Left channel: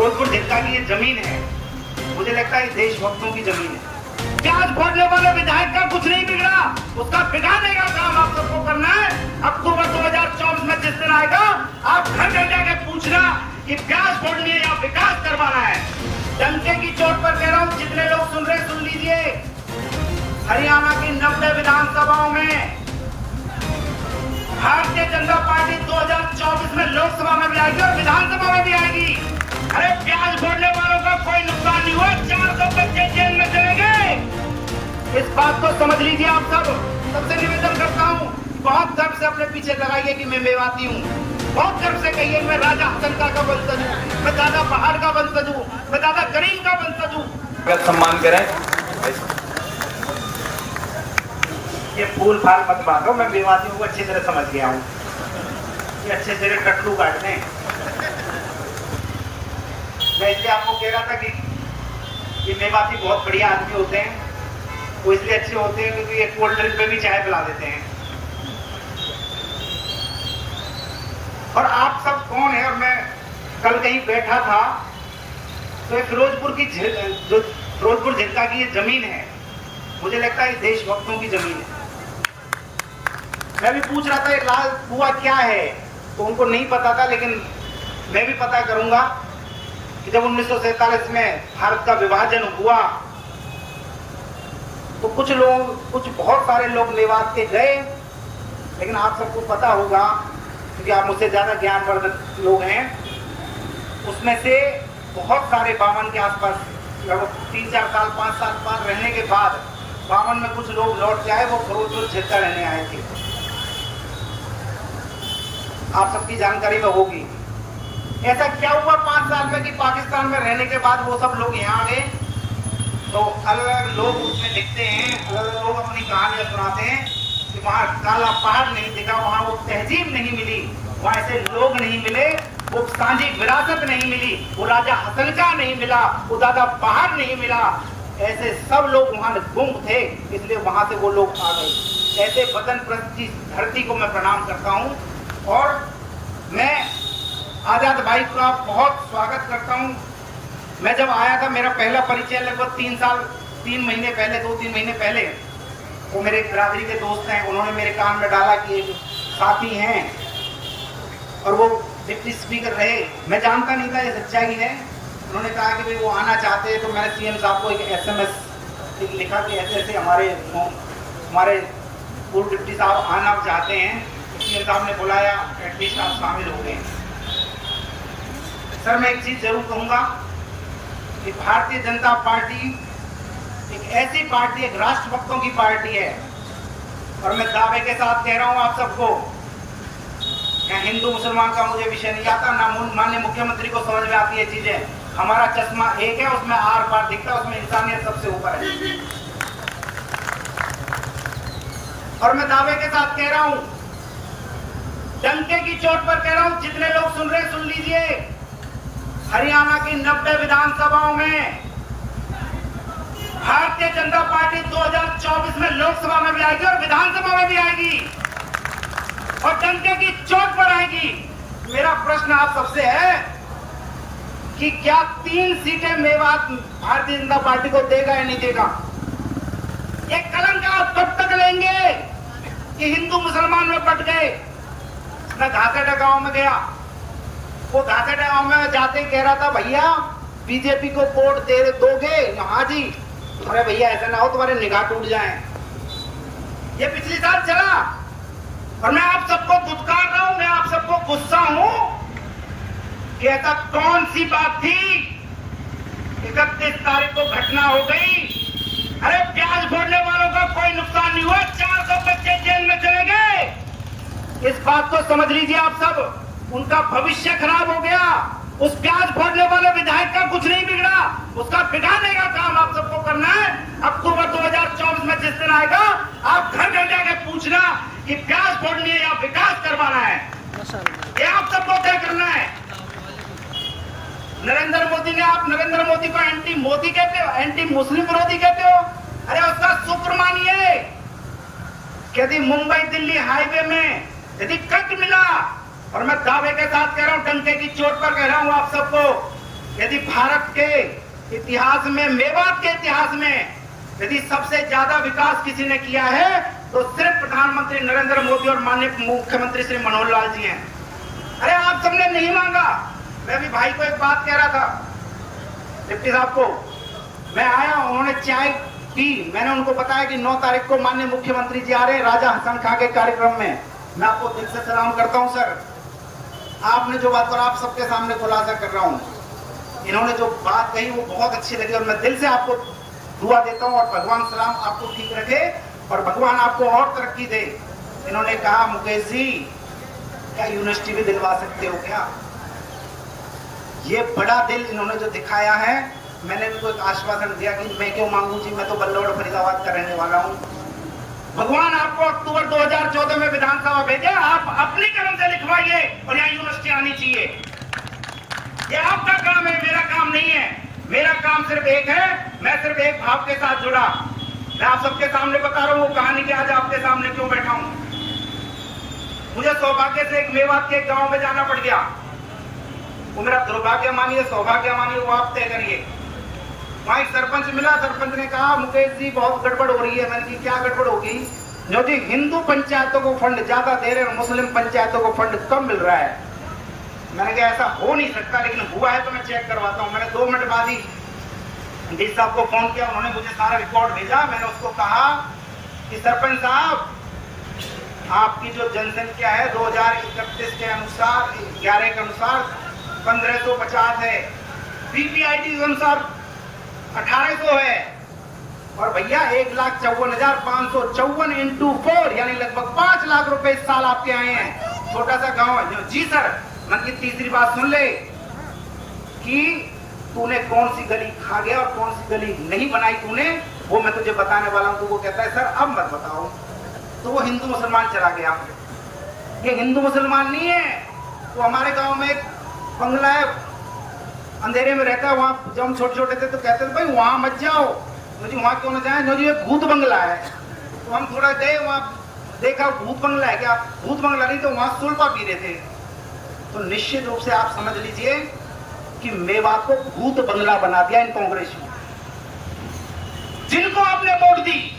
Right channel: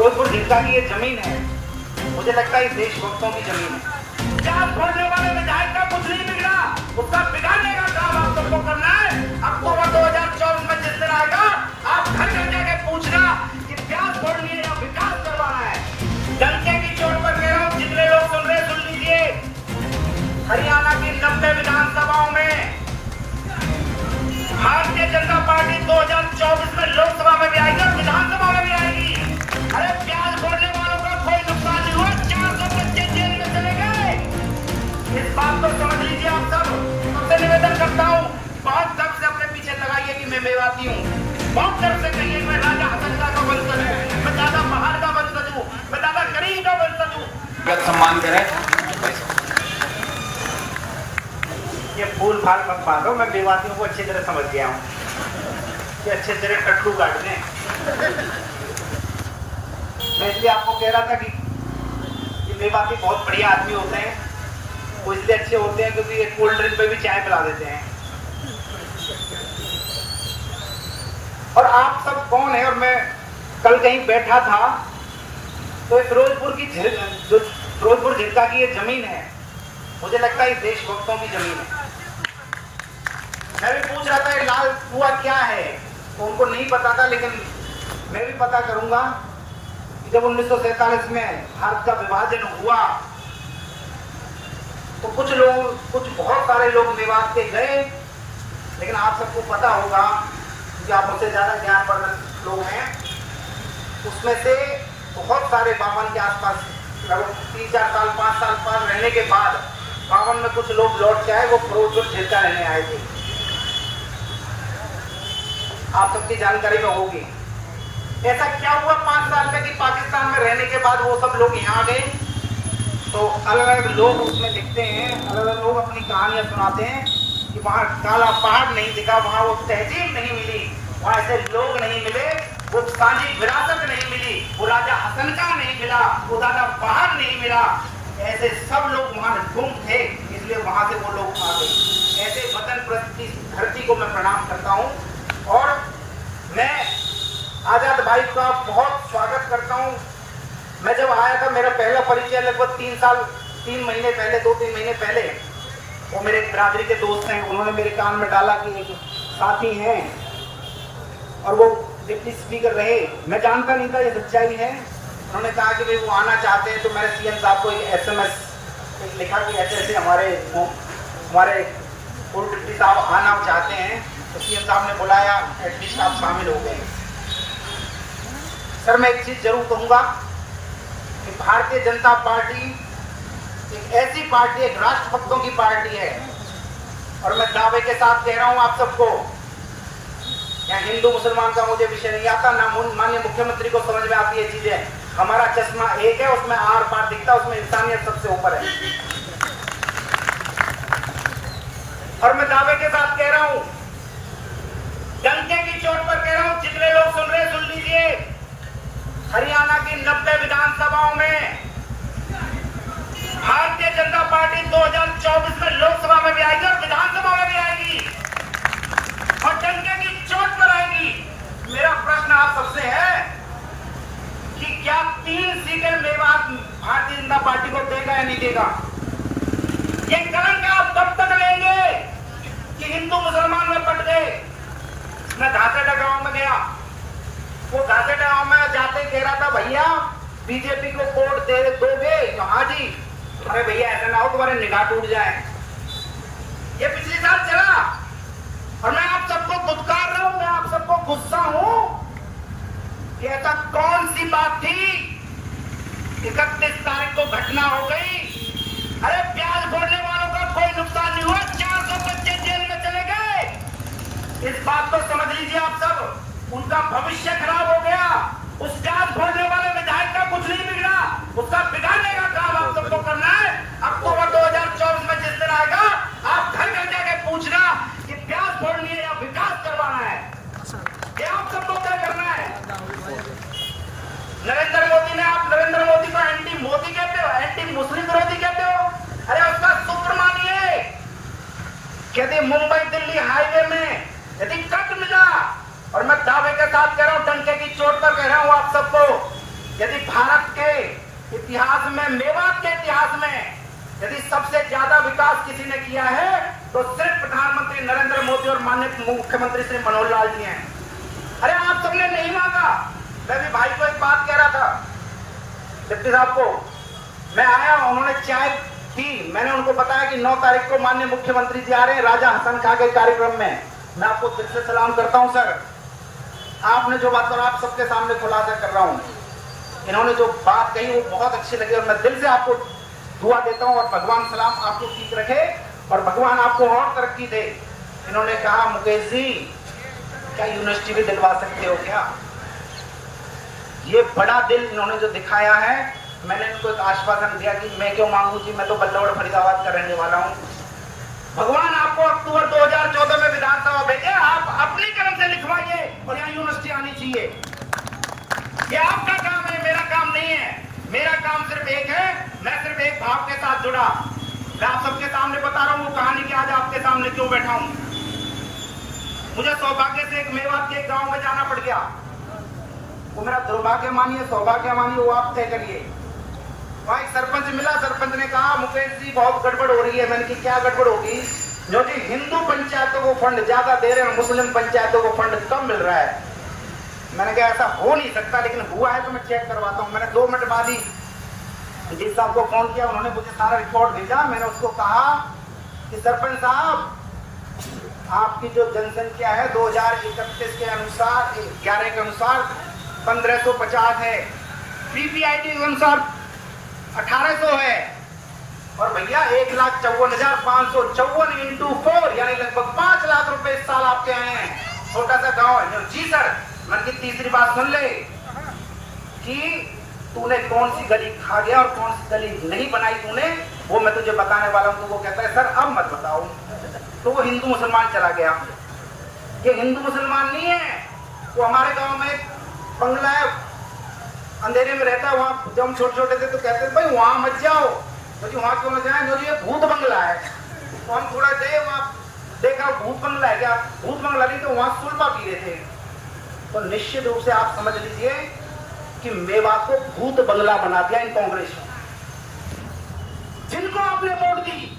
फिरोजपुर झिरका की ये जमीन है, मुझे लगता है देशभक्तों की जमीन है। प्याज फोड़ने वाले विधायक का कुछ नहीं बिगड़ा, उसका बिगाड़ने का काम आप सबको करना है। अक्टूबर 2024 में जिस दिन आएगा, आप घर घर जाके पूछना कि प्याज फोड़नी है या विकास करवाना है। डंके की चोट पर कह रहा हूँ, जितने लोग सुन रहे सुन लीजिए। हरियाणा की 90 विधानसभाओं में भारतीय जनता पार्टी 2024 में लोकसभा में भी आएगी और विधानसभा में भी आएगी। अरे प्याज फोड़ने वालों का कोई नुकसान नहीं हुआ, 400 बच्चे जेल में चले गए। इस बात को समझ लीजिए आप सब। सबसे निवेदन करता हूँ, बहुत गर्व से अपने पीछे लगाइए कि मैं मेवाती हूँ। बहुत गर्व से कहिए मैं राजा हसनका का वंशज हूँ, मैं दादा पहाड़ का वंशज हूँ, मैं दादा करीम का वंशज हूँ। सम्मान करें। ये फूल फाल मत बांधो, मैं मेवातियों को अच्छी तरह समझ गया हूँ। ये अच्छे से कटलू काट दें। मैं इसलिए आपको कह रहा था कि ये मेवाती बहुत बढ़िया आदमी होते हैं। वो इसलिए अच्छे होते हैं क्योंकि ये कोल्ड ड्रिंक पे भी चाय पिला देते हैं। और आप सब कौन है? और मैं कल कहीं बैठा था तो फिरोजपुर झिरका की ये जमीन है, मुझे लगता है देशभक्तों की जमीन है। मैं भी पूछ रहा था ये लाल कुआं क्या है, तो उनको नहीं पता था, लेकिन मैं भी पता करूंगा कि जब 1947 में भारत का विभाजन हुआ तो कुछ बहुत सारे लोग मेवात के गए, लेकिन आप सबको पता होगा क्योंकि आप मुझसे ज्यादा ज्ञानवर्धक लोग हैं, उसमें से बहुत सारे 52 के आसपास 3-4 साल 5 साल बाद रहने के बाद 52 में कुछ लोग लौट के आए, वो फिरोजपुर झिरका रहने आए थे। आप सबकी जानकारी में होगी ऐसा क्या हुआ 5 साल में कि पाकिस्तान में रहने के बाद वो सब लोग यहाँ आ गए। तो अलग अलग लोग उसमें लिखते हैं, अलग अलग लोग अपनी कहानियां सुनाते हैं कि वहाँ काला पहाड़ नहीं दिखा, वहाँ वो तहजीब नहीं मिली, वहाँ ऐसे लोग नहीं मिले, वो सांझी विरासत नहीं मिली, वो राजा हसनका नहीं मिला, वो दादा पहाड़ नहीं मिला। ऐसे सब लोग वहाँ गुम थे, इसलिए वहाँ से वो लोग आ गए। ऐसे वतन प्रस्त की धरती को मैं प्रणाम करता हूँ और मैं आजाद भाई का बहुत स्वागत करता हूँ। मैं जब आया था, मेरा पहला परिचय लगभग 2-3 महीने पहले, वो मेरे बिरादरी के दोस्त हैं, उन्होंने मेरे कान में डाला कि एक साथी हैं और वो डिप्टी स्पीकर रहे। मैं जानता नहीं था ये सच्चाई है। उन्होंने कहा कि भाई वो आना चाहते हैं, तो मैंने सीएम साहब को एक SMS लिखा कि ऐसे ऐसे हमारे पूर्व डिप्टी साहब आना चाहते हैं। तो सीएम साहब ने बुलाया, एटलीस्ट आप शामिल हो गए। सर मैं एक चीज जरूर कहूंगा कि भारतीय जनता पार्टी एक ऐसी पार्टी, एक राष्ट्रभक्तों की पार्टी है और मैं दावे के साथ कह रहा हूं आप सबको, क्या हिंदू मुसलमान का मुझे विषय नहीं आता, ना माननीय मुख्यमंत्री को समझ में आती है चीजें। हमारा चश्मा एक है, उसमें आर पार दिखता है, उसमें इंसानियत सबसे ऊपर है। और मैं दावे के साथ कह रहा हूं, डंके की चोट पर कह रहा हूं, जितने लोग सुन रहे सुन लीजिए। हरियाणा की 90 विधानसभाओं में भारतीय जनता पार्टी 2024 में लोकसभा में भी आएगी और विधानसभा में भी आएगी और डंके की चोट पर आएगी। मेरा प्रश्न आप सबसे है कि क्या 3 सीटें मेवात भारतीय जनता पार्टी को देगा या नहीं देगा? ये कलंक आप तब तक लेंगे कि हिंदू मुसलमान में बट गए। मैं घासेटा गांव में गया, वो घासेटा गांव में जाते कह रहा था, भैया बीजेपी को वोट दोगे? हाँ जी। अरे भैया ऐसा ना हो तुम्हारे निगाह टूट जाए। ये पिछले साल चला और मैं आप सबको दुत्कार रहा हूं, मैं आप सबको गुस्सा हूं कि ऐसा कौन सी बात थी 31 तारीख को घटना हो गई। अरे प्याज फोड़ने वालों का कोई नुकसान नहीं हुआ, 400 बच्चे जेल में चले गए। इस बात को समझ लीजिए आप सब। उनका भविष्य खराब हो गया। उस प्याज फोड़ने वाले विधायक का कुछ नहीं बिगड़ा, उसका बिगाड़ने का काम आप सबको करना है। अक्टूबर 2024 में जिस दिन आएगा, आप घर घर जाके पूछना कि प्याज फोड़नी है या विकास करवाना है। ये आप सबको तय करना है। नरेंद्र मोदी ने, आप नरेंद्र मोदी को एंटी मोदी कहते हो, एंटी मुस्लिम विरोधी कहते हो। अरे उसका शुक्र मानिए यदि मुंबई दिल्ली हाईवे में यदि कट मिला, और मैं दावे के साथ कह रहा हूं, डंके की चोट पर कह रहा हूं आप सबको, यदि यदि भारत के इतिहास में, मेवात के इतिहास में यदि सबसे ज्यादा विकास किसी ने किया है तो सिर्फ प्रधानमंत्री नरेंद्र मोदी और माननीय मुख्यमंत्री श्री मनोहर लाल जी हैं। अरे आप सबने नहीं मांगा। मैं भी भाई को एक बात कह रहा था, डिप्टी साहब को, मैं आया, उन्होंने चाय पी, मैंने उनको बताया कि 9 तारीख को माननीय मुख्यमंत्री जी आ रहे हैं राजा हसन खां के कार्यक्रम में। मैं आपको दिल से सलाम करता हूं सर, आपने जो बात करा, आप सबके सामने खुलासा कर रहा हूं, इन्होंने जो बात कही वो बहुत अच्छी लगी और मैं दिल से आपको दुआ देता हूं और भगवान सलाम आपको ठीक रखे और भगवान आपको और तरक्की दे। इन्होंने कहा, मुकेश जी क्या यूनिवर्सिटी भी दिलवा सकते हो क्या? ये बड़ा दिल इन्होंने जो दिखाया है, मैंने उनको एक आश्वासन दिया कि मैं क्यों मांगू जी, मैं तो बल्लौड़ फरीदाबाद का रहने वाला हूं। भगवान आपको अक्टूबर 2014 में विधानसभा भेजे, आप अपनी कलम से लिखवाइए और यहाँ यूनिवर्सिटी आनी चाहिए। ये आपका काम है, मेरा काम नहीं है। मेरा काम सिर्फ एक है, मैं सिर्फ एक भाव के साथ जुड़ा। मैं आप सबके सामने बता रहा हूँ वो कहानी की आज आपके सामने क्यों बैठा हूँ। मुझे सौभाग्य से एक मेवात के गांव में जाना पड़ गया। वो मेरा दुर्भाग्य मानिए, सौभाग्य मानिए, वो आप तय करिए। वहां एक सरपंच मिला, सरपंच ने कहा, मुकेश जी बहुत गड़बड़ हो रही है। मैंने कहा क्या गड़बड़ होगी? जो जी हिंदू पंचायतों को फंड ज्यादा दे रहे हैं, मुस्लिम पंचायतों को फंड कम मिल रहा है। मैंने कहा ऐसा हो नहीं सकता, लेकिन हुआ है तो मैं चेक करवाता हूँ। मैंने 2 मिनट बाद ही डी साहब को फोन किया, उन्होंने मुझे सारा रिकॉर्ड भेजा। मैंने उसको कहा कि सरपंच साहब, आपकी जो जनसंख्या है 2031 के अनुसार, 11 के अनुसार 1550 है, पीपीआईडी के अनुसार 1800 है, और भैया 1,54,554 इंटू 4 यानी लगभग 5 लाख रुपए इस साल आपके आए हैं। छोटा सा गांव है। जी सर। मन की तीसरी बात सुन ले कि तूने कौन सी गली खा गया और कौन सी गली नहीं बनाई तूने, वो मैं तुझे बताने वाला हूं। तो वो कहता है सर अब मत बताओ। तो वो हिंदू मुसलमान चला गया। ये हिंदू मुसलमान नहीं है, वो हमारे गांव में एक बंगला है, अंधेरे में रहता है। वहाँ जब हम छोटे छोटे थे तो कहते थे भाई वहां मत जाओ। तो जी वहां क्यों ना जाए? तो जी ये भूत बंगला है। तो हम थोड़ा गए, वहाँ देखा भूत बंगला है क्या? भूत बंगला नहीं, तो वहां सुलपा पी रहे थे। तो निश्चित रूप से आप समझ लीजिए कि मेवात को भूत बंगला बना दिया इन कांग्रेस ने, जिनको आपने वोट दी।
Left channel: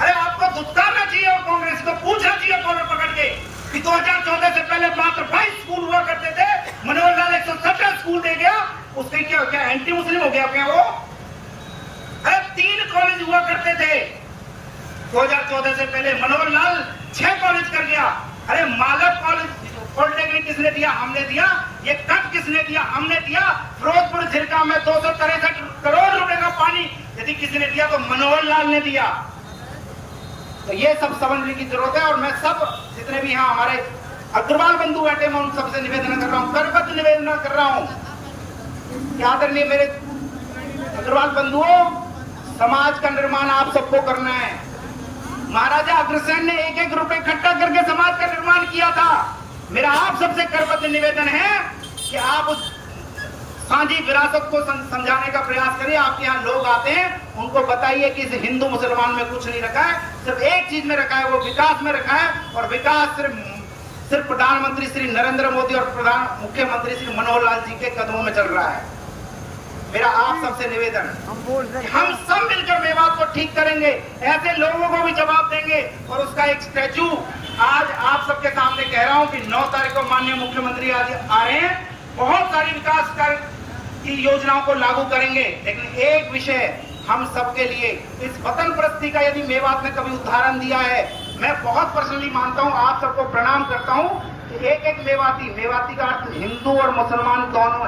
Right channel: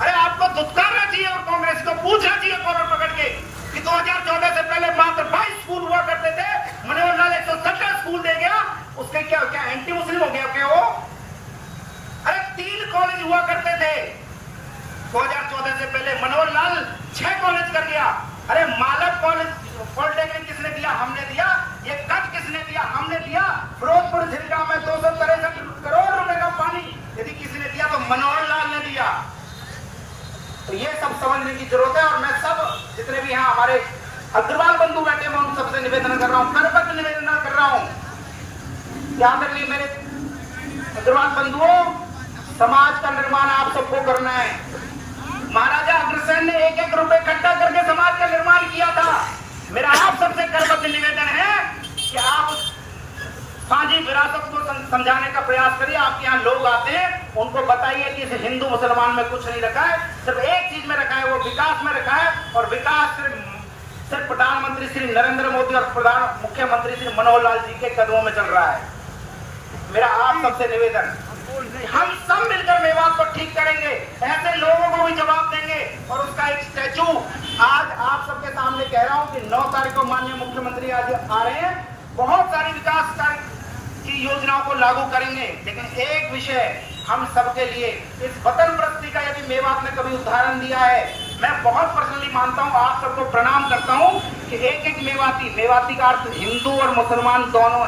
अरे आपको दुत्कारना चाहिए और कांग्रेस को पूछना चाहिए कॉलर पकड़ के कि 2014 से पहले मात्र 22 स्कूल हुआ करते थे, मनोहर लाल 170 स्कूल दे गया। उसके क्या एंटी मुस्लिम हो गया क्या वो? अरे 3 कॉलेज हुआ करते थे 2014 से पहले, मनोहर लाल 6 कॉलेज कर दिया। अरे मालव कॉलेज पॉलिटेक्निक किसने दिया? हमने दिया। ये कट किसने दिया? हमने दिया। फिरोजपुर झिरका में 263 करोड़ रुपए का पानी यदि किसी ने दिया तो मनोहर लाल ने दिया। तो ये सब समझने की जरूरत है। और मैं सब जितने भी यहाँ हमारे अग्रवाल बंधु बैठे, मैं उन सबसे निवेदन कर रहा हूँ, करबद्ध निवेदन कर रहा हूँ। याद रखिए मेरे अग्रवाल बंधुओं, समाज का निर्माण आप सबको करना है। महाराजा अग्रसेन ने 1-1 रुपए इकट्ठा करके समाज का निर्माण किया था। मेरा आप सबसे करबद्ध निवेदन है कि आप उस साझी विरासत को समझाने का प्रयास करिए। आपके यहाँ लोग आते हैं, उनको बताइए कि इस हिंदू मुसलमान में कुछ नहीं रखा है, सिर्फ एक चीज में रखा है, वो विकास में रखा है। और विकास सिर्फ प्रधानमंत्री श्री नरेंद्र मोदी और मुख्यमंत्री श्री मनोहर लाल जी के कदमों में चल रहा है। मेरा आप सबसे निवेदन, हम सब मिलकर मेवात को ठीक करेंगे, ऐसे लोगों को भी जवाब देंगे। और उसका एक स्टैचू आज आप सबके सामने कह रहा हूं कि 9 तारीख को माननीय मुख्यमंत्री आज आ रहे हैं, बहुत सारी विकास की योजनाओं को लागू करेंगे। लेकिन एक विषय हम सबके लिए, इस वतन प्रस्ती का यदि मेवात ने कभी उदाहरण दिया है, मैं बहुत पर्सनली मानता हूं, आप सबको प्रणाम करता हूं कि एक मेवाती का अर्थ हिंदू और मुसलमान दोनों।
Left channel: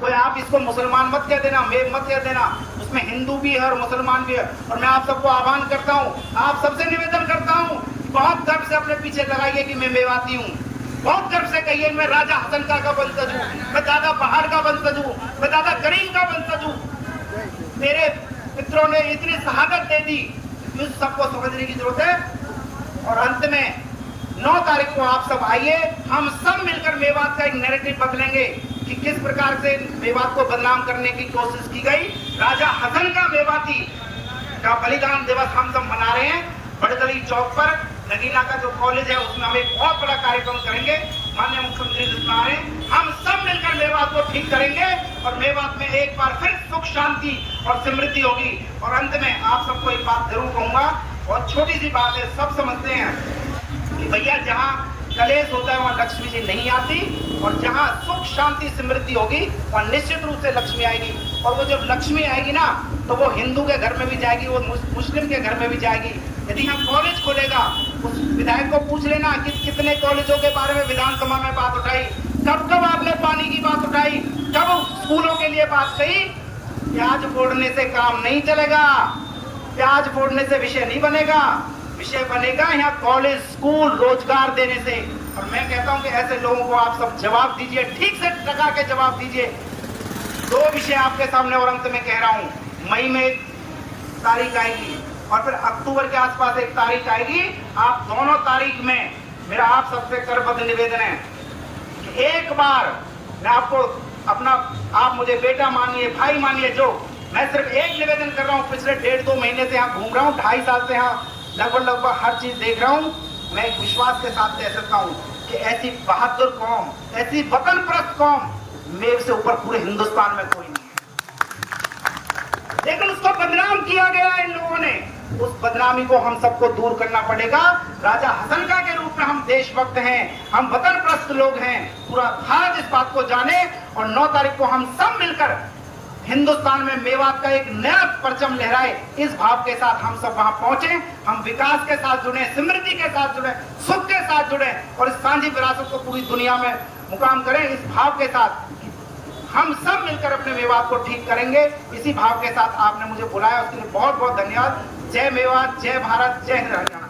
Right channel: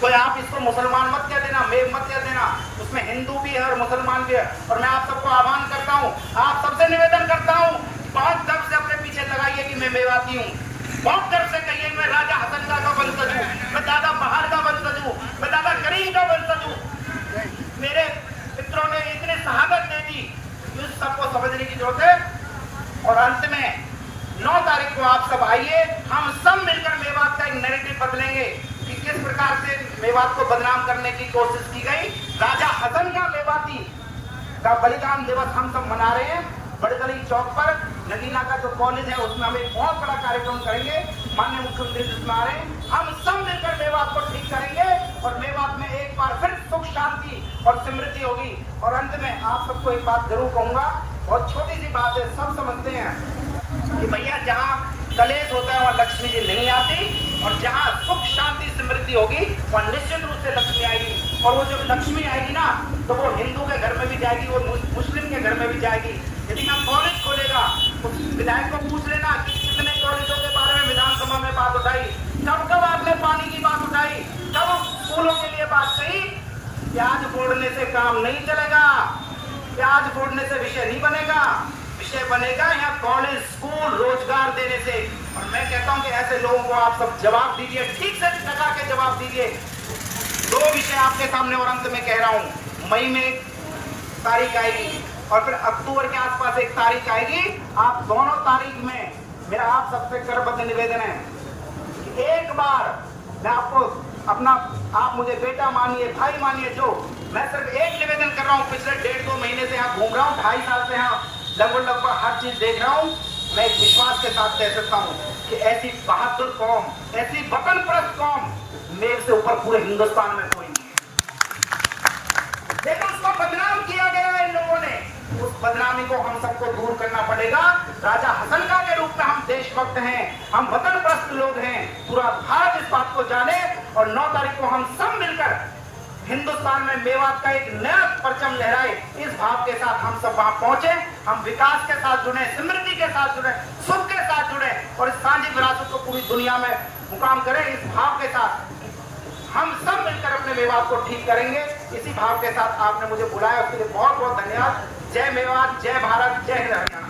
तो आप इसको मुसलमान मत कह देना, मेव मत कह देना, उसमें हिंदू भी है और मुसलमान भी है। और मैं आप सबको आह्वान करता हूं, आप सबसे निवेदन करता हूं, बहुत गर्व से अपने पीछे लगाइए कि मैं मेवाती हूं। बहुत गर्व से कहिए मैं राजा हसन खां का वंशज हूं, मैं दादा बहार का वंशज हूं, मैं दादा करीम का वंशज हूं। मेरे मित्रों ने इतनी शहादत दे दी कि उस सबको समझने की जरूरत है। और अंत में 9 तारीख को आप सब आइए, हम सब मिलकर मेवात का एक नैरेटिव बदलेंगे कि किस प्रकार से मेवात को बदनाम करने की कोशिश की गई। राजा हसन का मेवाती का बलिदान दिवस हम सब मना रहे हैं। बड़दली चौक पर नगीना का जो कॉलेज है उसमें हम एक बहुत बड़ा कार्यक्रम करेंगे। माननीय मुख्यमंत्री जी सुना रहे, हम सब मिलकर मेवात को ठीक करेंगे और मेवात में एक बार फिर सुख शांति और समृद्धि होगी। और अंत में आप सबको एक बात जरूर कहूंगा, बहुत छोटी सी बात है, सब समझते हैं कि भैया जहाँ कलेश होता है वहाँ लक्ष्मी जी नहीं आती, और जहाँ सुख शांति समृद्धि होगी वहाँ निश्चित रूप से लक्ष्मी आएगी। और वो जब लक्ष्मी आएगी ना, तो वो हिंदू के घर में भी जाएगी, वो मुस्लिम के घर में भी जाएगी। यदि यहाँ कॉलेज खोलेगा, उस विधायक को पूछ लेना कि कितने कॉलेजों के बारे में विधानसभा में बात उठाई, कब कब आपने पानी की बात उठाई, कब स्कूलों के लिए बात कही। प्याज फोड़ने से काम नहीं चलेगा, प्याज फोड़ने से विषय नहीं बनेगा, विषय बनेगा यहाँ कॉलेज स्कूल रोजगार देने से। और मैं कहता हूँ कि ऐसे लोगों को आप सब जवाब दीजिए, ठीक से टका के जवाब दीजिए। दो विषय आपके सामने और अंत में कह रहा हूँ, मई में एक तारीख आएगी और फिर अक्टूबर के आसपास एक तारीख आएगी। आप दोनों तारीख में मेरा आप सबसे करबद्ध निवेदन है कि एक बार मैं आपको अपना, आप मुझे बेटा मानिए, भाई मानिए, जो मैं सिर्फ एक निवेदन कर रहा हूँ। पिछले 1.5-2 महीने से यहाँ घूम रहा हूँ, 2.5 साल से यहाँ लगभग हर चीज देख रहा हूँ। मैं एक विश्वास के साथ कह सकता हूँ कि ऐसी बहादुर कौम, ऐसी वतन परस्त कौम मेव से ऊपर पूरे हिंदुस्तान में कोई नहीं है। लेकिन उसको बदनाम किया गया है इन लोगों ने, उस बदनामी को हम सबको दूर करना पड़ेगा। राजा हसन खां के रूप में हम देशभक्त हैं, हम वतन परस्त लोग हैं, पूरा भारत इस बात को जाने। और 9 तारीख को हम सब मिलकर हिंदुस्तान में मेवात का एक नया परचम लहराए, इस भाव के साथ हम सब वहां पहुंचे। हम विकास के साथ जुड़े, समृद्धि के साथ जुड़े, सुख के साथ जुड़े और इस सांझी विरासत को पूरी दुनिया में मुकाम करें। इस भाव के साथ हम सब मिलकर अपने मेवात को ठीक करेंगे। इसी भाव के साथ आपने मुझे बुलाया, उसके लिए बहुत बहुत धन्यवाद। जय मेवात, जय भारत, जय हिंद हरियाणा।